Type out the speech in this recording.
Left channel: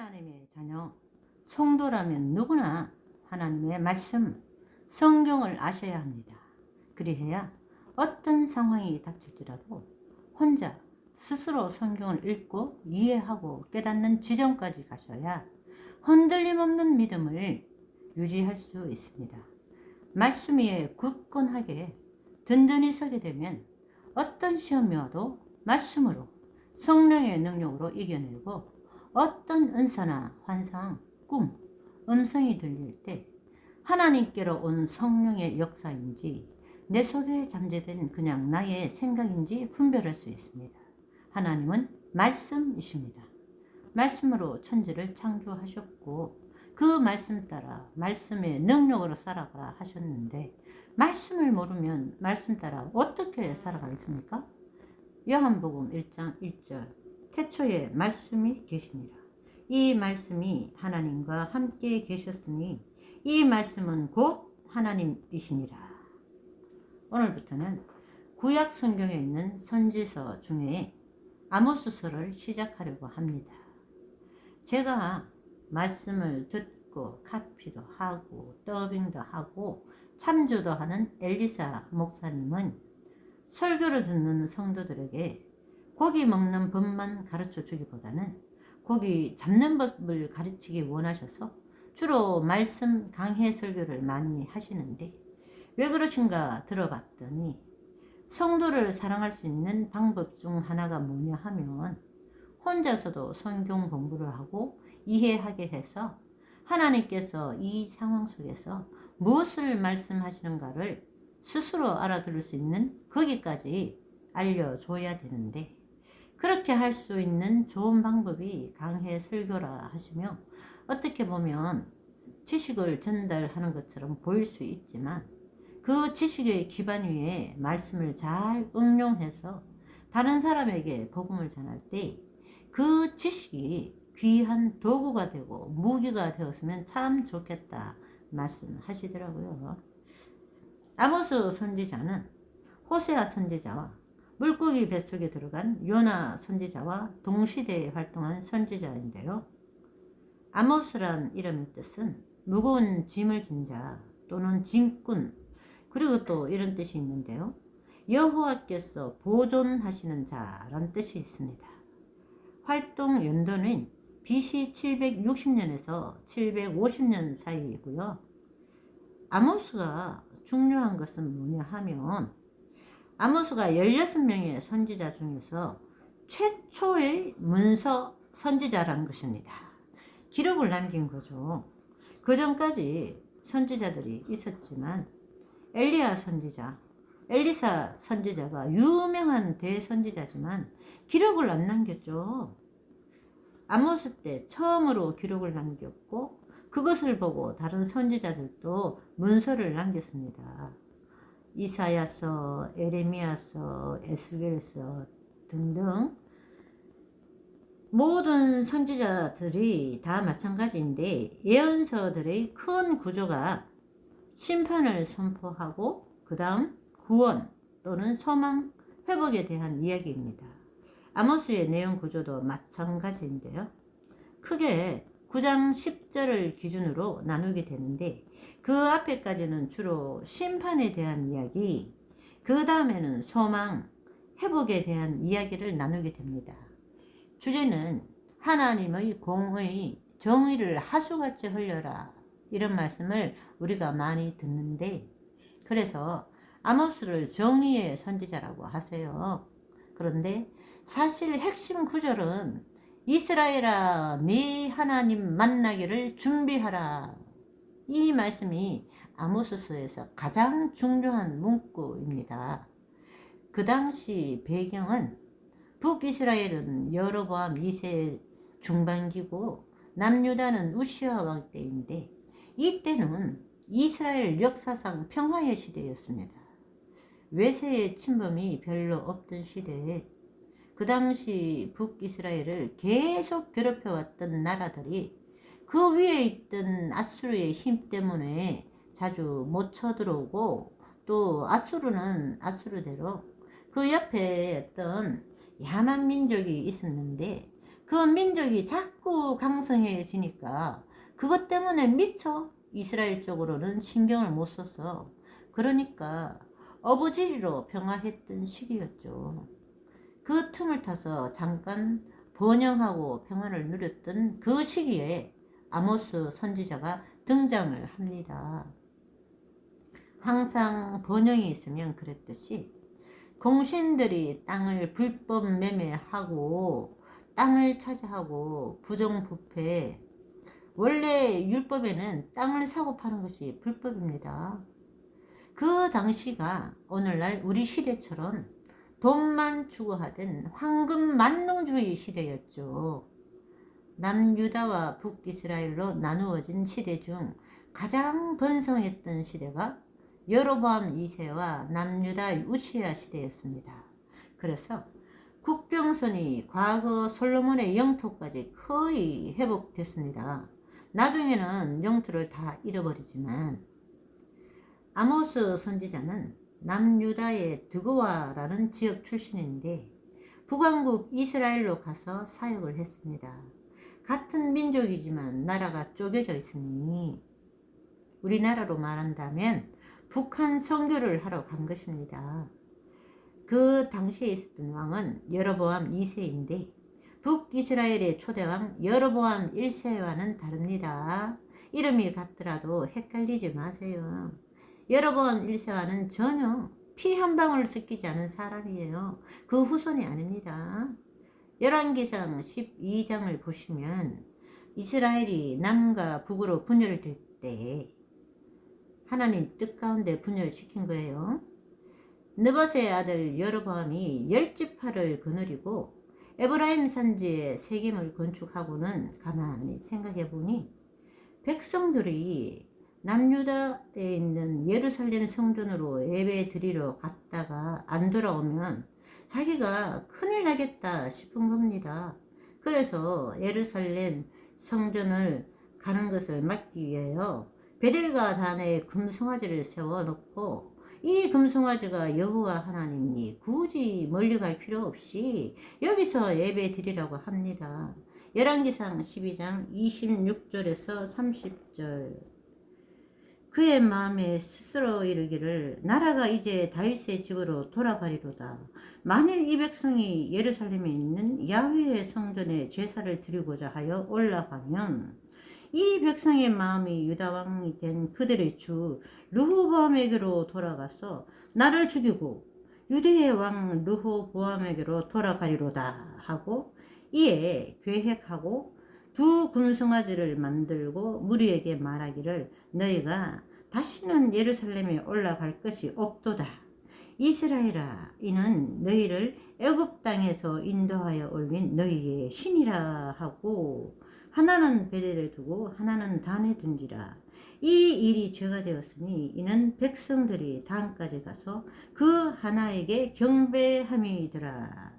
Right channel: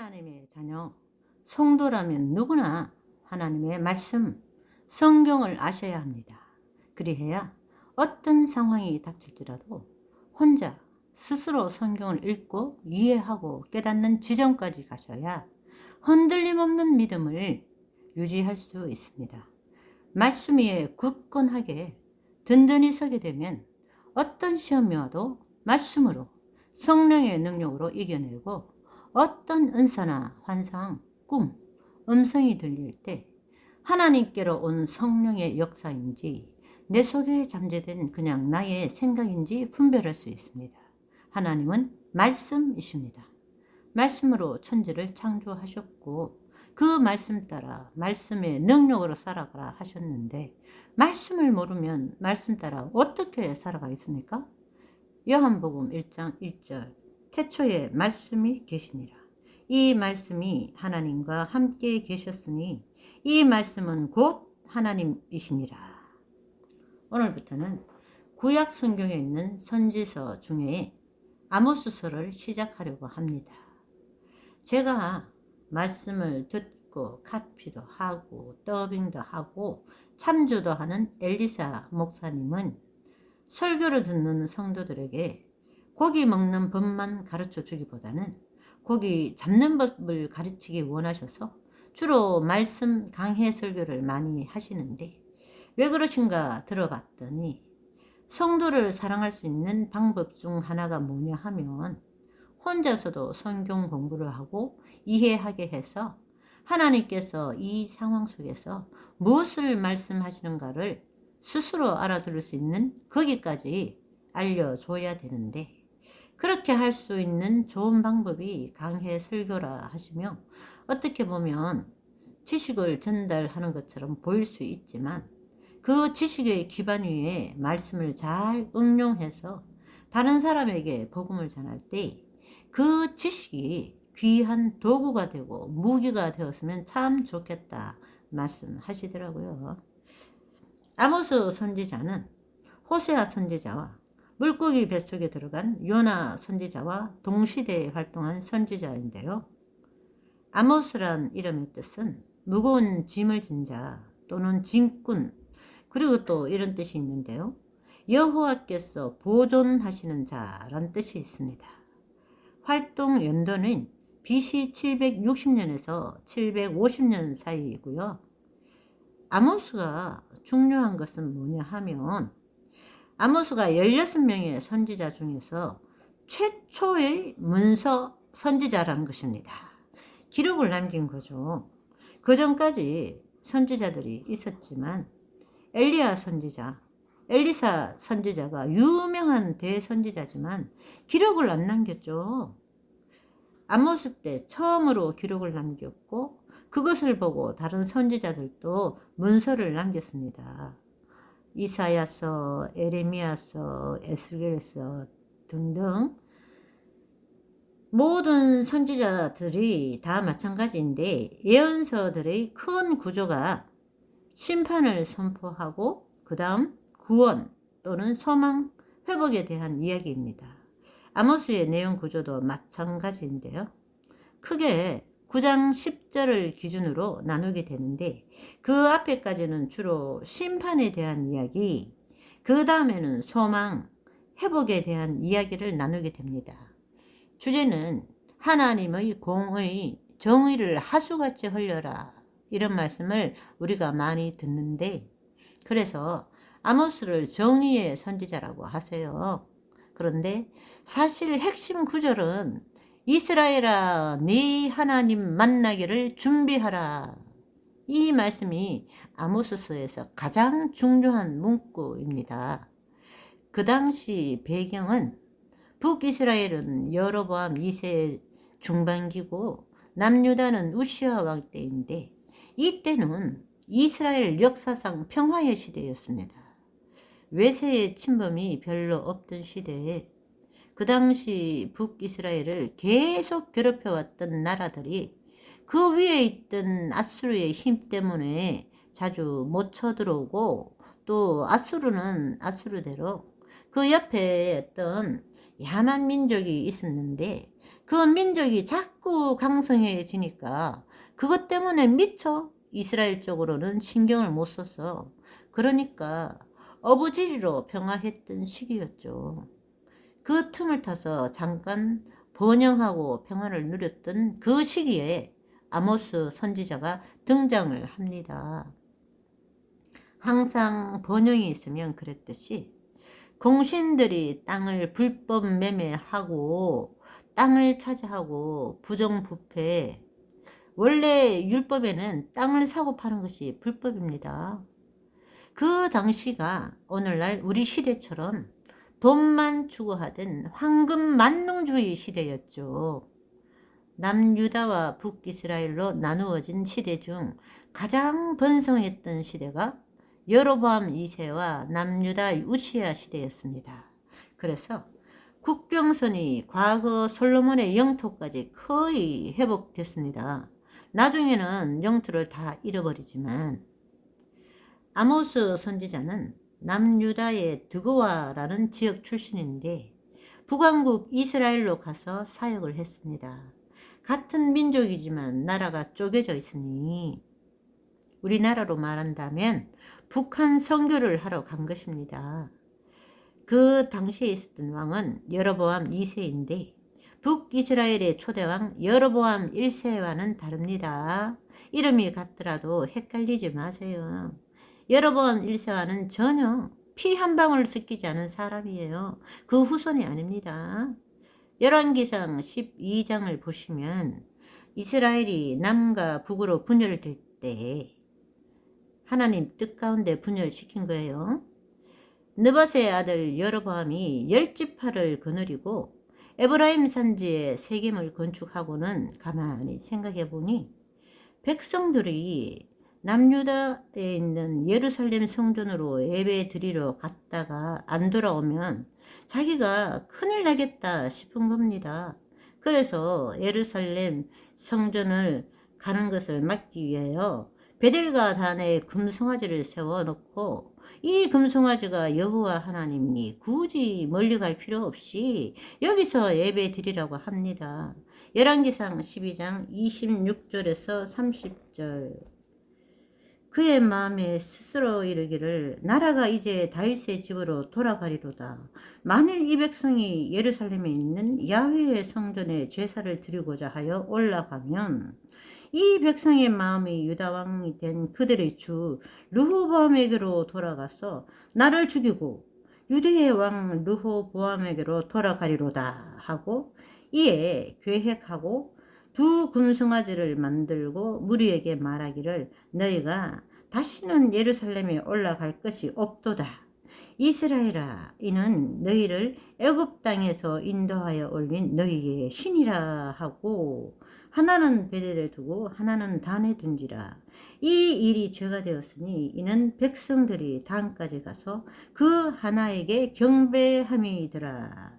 하나님의 자녀, 성도라면 누구나 하나님의 말씀, 성경을 아셔야 합니다. 그리해야 어떤 상황이 닥칠지라도 혼자 스스로 성경을 읽고 이해하고 깨닫는 지점까지 가셔야 흔들림 없는 믿음을 유지할 수 있습니다. 말씀 위에 굳건하게 든든히 서게 되면 어떤 시험이 와도 말씀으로 성령의 능력으로 이겨내고 어떤 은사나 환상, 꿈, 음성이 들릴 때 하나님께로 온 성령의 역사인지 내 속에 잠재된 그냥 나의 생각인지 분별할 수 있습니다. 하나님은 말씀이십니다. 말씀으로 천지를 창조하셨고 그 말씀 따라 말씀의 능력으로 살아가라 하셨는데 말씀을 모르면 말씀 따라 어떻게 살아가겠습니까? 요한복음 1장 1절 태초에 말씀이 계시니라. 이 말씀이 하나님과 함께 계셨으니 이 말씀은 곧 하나님이시니라. 오늘부터는 구약 성경에 있는 선지서 중에 아모스서를 시작하려고 합니다. 제가 말씀을 듣고 카피도 하고 더빙도 하고 참조도 하는 엘리사 목사님은 설교를 듣는 성도들에게 고기 먹는 법만 가르쳐 주기보다는 고기 잡는 법을 가르치기 원하셔서 주로 말씀 강해 설교를 많이 하시는데 왜 그러신가 들어봤더니 성도를 사랑할 수 있는 방법 중 하나가 뭐냐 하면 혼자서도 성경 공부를 하고 이해하게 해서 하나님께서 이 상황 속에서 무엇을 말씀하시는가를 스스로 알아들을 수 있는 거기까지 알려줘야 되는데 그렇게 할 수 있는 좋은 방법이 강해 설교라 하시며 어떻게 보면 지식을 전달하는 것처럼 보일 수 있지만 그 지식의 기반 위에 말씀을 잘 응용해서 다른 사람에게 복음을 전할 때 그 지식이 귀한 도구가 되고 무기가 되었으면 참 좋겠다 말씀하시더라고요. 아모스 선지자는 호세아 선지자와 물고기 뱃속에 들어간 요나 선지자와 동시대에 활동한 선지자인데요. 아모스란 이름의 뜻은 무거운 짐을 진 자 또는 짐꾼 그리고 또 이런 뜻이 있는데요. 여호와께서 보존하시는 자란 뜻이 있습니다. 활동 연도는 BC 760년에서 750년 사이이고요. 아모스가 중요한 것은 뭐냐 하면 아모스가 16명의 선지자 중에서 최초의 문서 선지자라는 것입니다. 기록을 남긴 거죠. 그 전까지 선지자들이 있었지만 엘리야 선지자, 엘리사 선지자가 유명한 대선지자지만 기록을 안 남겼죠. 아모스 때 처음으로 기록을 남겼고 그것을 보고 다른 선지자들도 문서를 남겼습니다. 이사야서, 에레미야서, 에스겔서 등등 모든 선지자들이 다 마찬가지인데 예언서들의 큰 구조가 심판을 선포하고 그 다음 구원 또는 소망, 회복에 대한 이야기입니다. 아모스의 내용 구조도 마찬가지인데요. 크게 9장 10절을 기준으로 나누게 되는데 그 앞에까지는 주로 심판에 대한 이야기, 그 다음에는 소망, 회복에 대한 이야기를 나누게 됩니다. 주제는 하나님의 공의, 정의를 하수같이 흘려라 이런 말씀을 우리가 많이 듣는데 그래서 아모스를 정의의 선지자라고 하세요. 그런데 사실 핵심 구절은 이스라엘아 네 하나님 만나기를 준비하라. 이 말씀이 아모스서에서 가장 중요한 문구입니다. 그 당시 배경은 북이스라엘은 여로보암 2세 중반기고 남유다는 우시아 왕 때인데 이때는 이스라엘 역사상 평화의 시대였습니다. 외세의 침범이 별로 없던 시대에 그 당시 북이스라엘을 계속 괴롭혀왔던 나라들이 그 위에 있던 아수르의 힘 때문에 자주 못 쳐들어오고 또 아수르는 아수르대로 그 옆에 어떤 야만 민족이 있었는데 그 민족이 자꾸 강성해지니까 그것 때문에 미처 이스라엘 쪽으로는 신경을 못 썼어. 그러니까 어부지리로 평화했던 시기였죠. 그 틈을 타서 잠깐 번영하고 평화를 누렸던 그 시기에 아모스 선지자가 등장을 합니다. 항상 번영이 있으면 그랬듯이 공신들이 땅을 불법 매매하고 땅을 차지하고 부정부패, 원래 율법에는 땅을 사고 파는 것이 불법입니다. 그 당시가 오늘날 우리 시대처럼 돈만 추구하던 황금 만능주의 시대였죠. 남유다와 북이스라엘로 나누어진 시대 중 가장 번성했던 시대가 여로보암 2세와 남유다 우시야 시대였습니다. 그래서 국경선이 과거 솔로몬의 영토까지 거의 회복됐습니다. 나중에는 영토를 다 잃어버리지만 아모스 선지자는 남유다의 드고아라는 지역 출신인데 북왕국 이스라엘로 가서 사역을 했습니다. 같은 민족이지만 나라가 쪼개져 있으니 우리나라로 말한다면 북한 선교를 하러 간 것입니다. 그 당시에 있었던 왕은 여로보암 2세인데 북이스라엘의 초대왕 여로보암 1세와는 다릅니다. 이름이 같더라도 헷갈리지 마세요. 여로보암 1세와는 전혀 피 한 방울 섞이지 않은 사람이에요. 그 후손이 아닙니다. 열왕기상 12장을 보시면 이스라엘이 남과 북으로 분열될 때 하나님 뜻 가운데 분열시킨 거예요. 느밧의 아들 여로보암이 10지파를 거느리고 에브라임 산지에 세겜을 건축하고는 가만히 생각해 보니 백성들이 남유다에 있는 예루살렘 성전으로 예배 드리러 갔다가 안 돌아오면 자기가 큰일 나겠다 싶은 겁니다. 그래서 예루살렘 성전을 가는 것을 막기 위하여 베델과 단에 금송아지를 세워놓고 이 금송아지가 여호와 하나님이 굳이 멀리 갈 필요 없이 여기서 예배 드리라고 합니다. 열왕기상 12장 26절에서 30절. 그의 마음에 스스로 이르기를 나라가 이제 다윗의 집으로 돌아가리로다. 만일 이 백성이 예루살렘에 있는 야훼의 성전에 제사를 드리고자 하여 올라가면 이 백성의 마음이 유다 왕이 된 그들의 주 르호보암에게로 돌아가서 나를 죽이고 유대의 왕 르호보암에게로 돌아가리로다 하고 이에 계획하고 두 금송아지를 만들고 무리에게 말하기를 너희가 다시는 예루살렘에 올라갈 것이 없도다. 이스라엘아 이는 너희를 애굽 땅에서 인도하여 올린 너희의 신이라 하고 하나는 베델에 두고 하나는 단에 둔지라. 이 일이 죄가 되었으니 이는 백성들이 단까지 가서 그 하나에게 경배함이더라.